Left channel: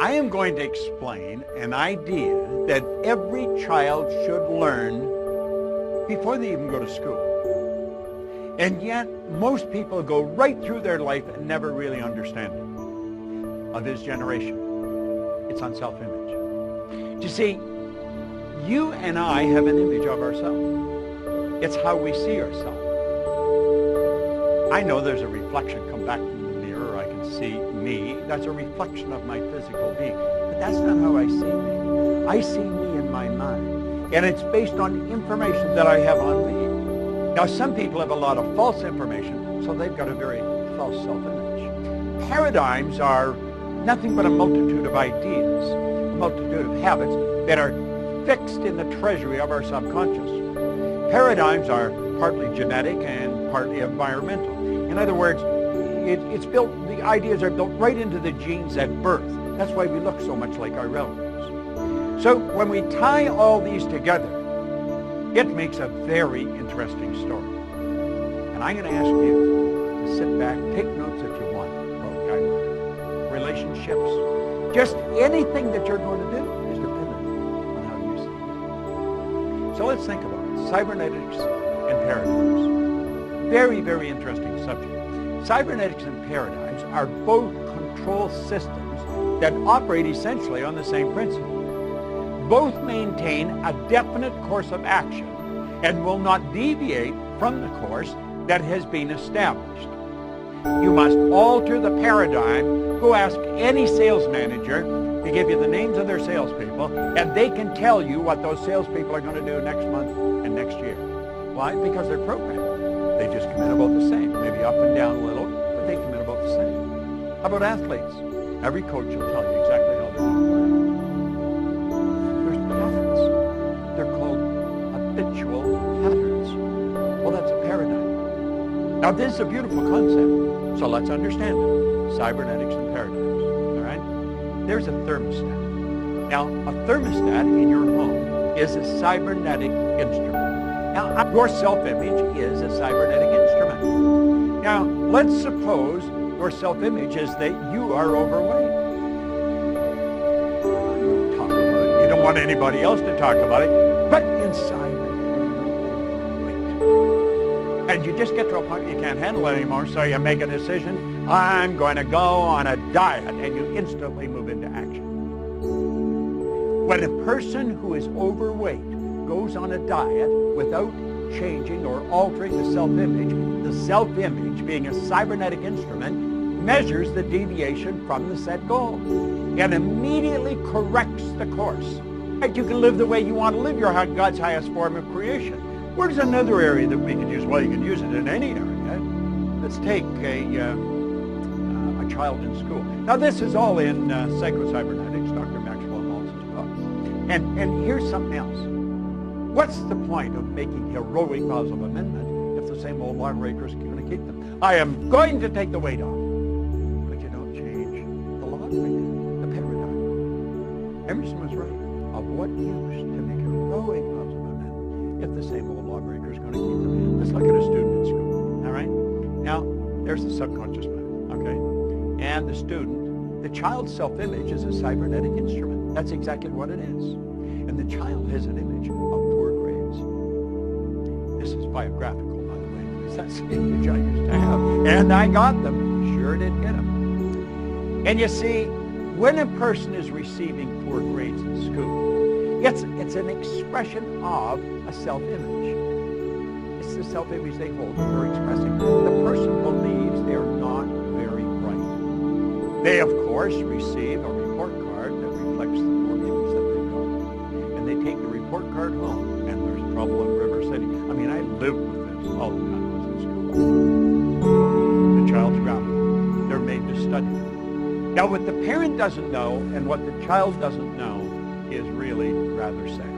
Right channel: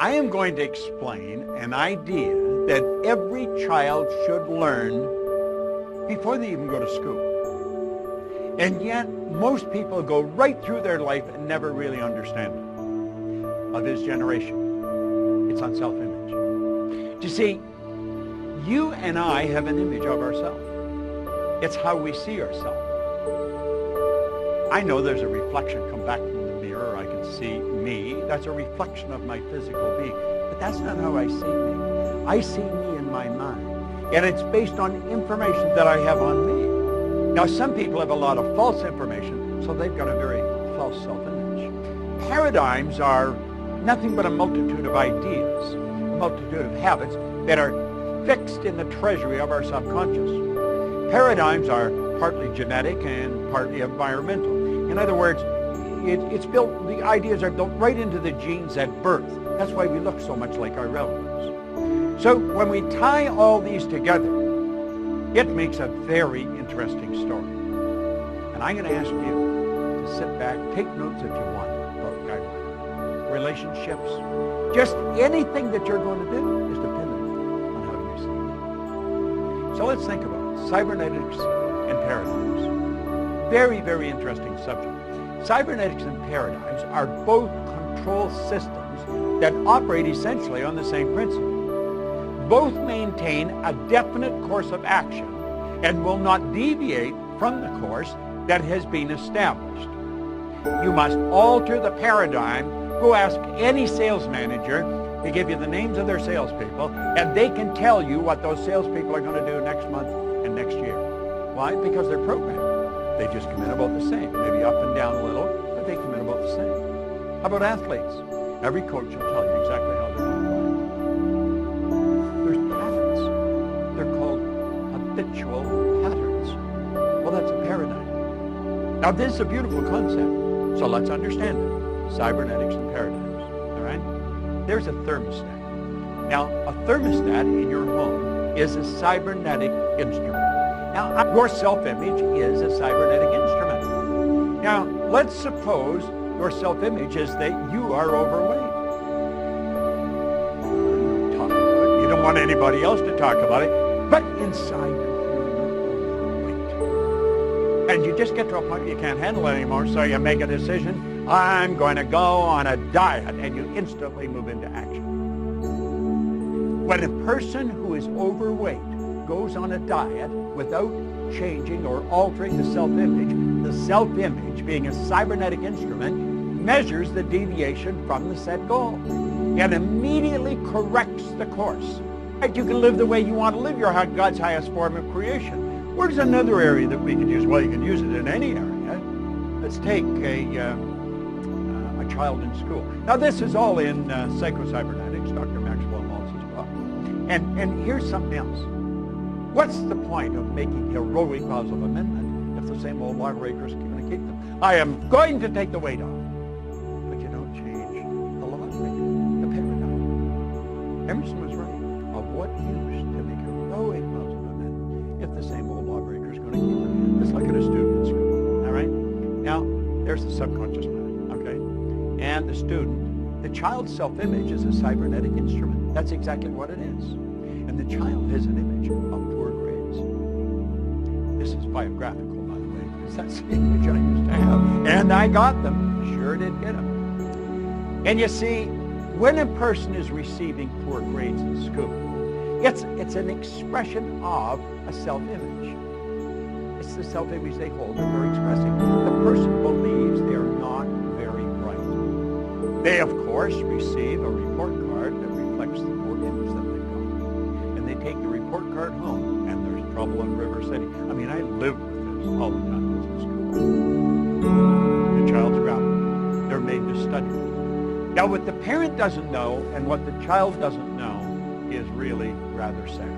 I am going to explain an idea that every child should learn before they even go to school. And yet, most people go right through their life and never really understand it. Of his generation. It's on self-image. You see, you and I have an image of ourselves. It's how we see ourselves. I know there's a reflection come back from the mirror. I can see me. That's a reflection of my physical being. But that's not how I see me. I see me in my mind. And it's based on information that I have on me. Now, some people have a lot of false information, so they've got a very false self-image. Paradigms are nothing but a multitude of ideas, a multitude of habits that are fixed in the treasury of our subconscious. Paradigms are partly genetic and partly environmental. In other words, it's built, the ideas are built right into the genes at birth. That's why we look so much like our relatives. So when we tie all these together, it makes a very interesting story. And I'm going to ask you to sit back, take notes if you want, about guidelines, relationships, just anything that you're going to do is dependent on how you see it. So let's think about it. Cybernetics and paradigms. Very, very interesting subject. Cybernetics and paradigms are both control systems that operate essentially on the same principle. Both maintain a definite course of action and will not deviate from the course that has been established. You must alter the paradigm. Go ask any sales manager to give you the names of their salespeople, and they can tell you what those salespeople are going to do next month and next year. Why? Because they're programmed. They just come in about the same, maybe up and down a little, but they come in about the same. How about athletes? Every coach will tell you exactly how they're going to play. There's patterns. They're called habitual patterns. Well, that's a paradigm. Now, this is a beautiful concept, so let's understand it. Cybernetics and paradigms, all right? There's a thermostat. Now, a thermostat in your home is a cybernetic instrument. Now, your self-image is a cybernetic instrument. Now, let's suppose your self-image is that you are overweight. You don't talk about it. You don't want anybody else to talk about it. But inside you're overweight. And you just get to a point you can't handle it anymore, so you make a decision, I'm going to go on a diet, and you instantly move into action. When a person who is overweight goes on a diet without changing or altering the self-image being a cybernetic instrument, measures the deviation from the set goal and immediately corrects the course. You can live the way you want to live. You're God's highest form of creation. Where's another area that we can use? Well, you can use it in any area. Let's take a child in school. Now, this is all in Psycho-Cybernetics, Dr. Maxwell Maltz's book. And here's something else. What's the point of making heroic vows of amendment if the same old lawbreakers are going to keep them? I am going to take the weight off. But you don't change the lawbreaker, the paradigm. Emerson was right. Of what use to make heroic vows of amendment if the same old lawbreaker is going to keep them? Let's look at a student in school, all right? Now, there's the subconscious mind, okay? And the student, the child's self-image is a cybernetic instrument. That's exactly what it is. And the child has an image of poor grades. This is biographical, by the way, because that's the image I used to have. And I got them. Sure did get them. And you see, when a person is receiving poor grades in school, it's an expression of a self-image. It's the self-image they hold that they're expressing. The person believes they're not very bright. They, of course, receive a report card that reflects the poor image that they've got. And they take the report card home, and there's trouble in River City. I mean, I lived with this all the time I was in school. The child's grabbing. They're made to study. Now, what the parent doesn't know and what the child doesn't know is really rather sad.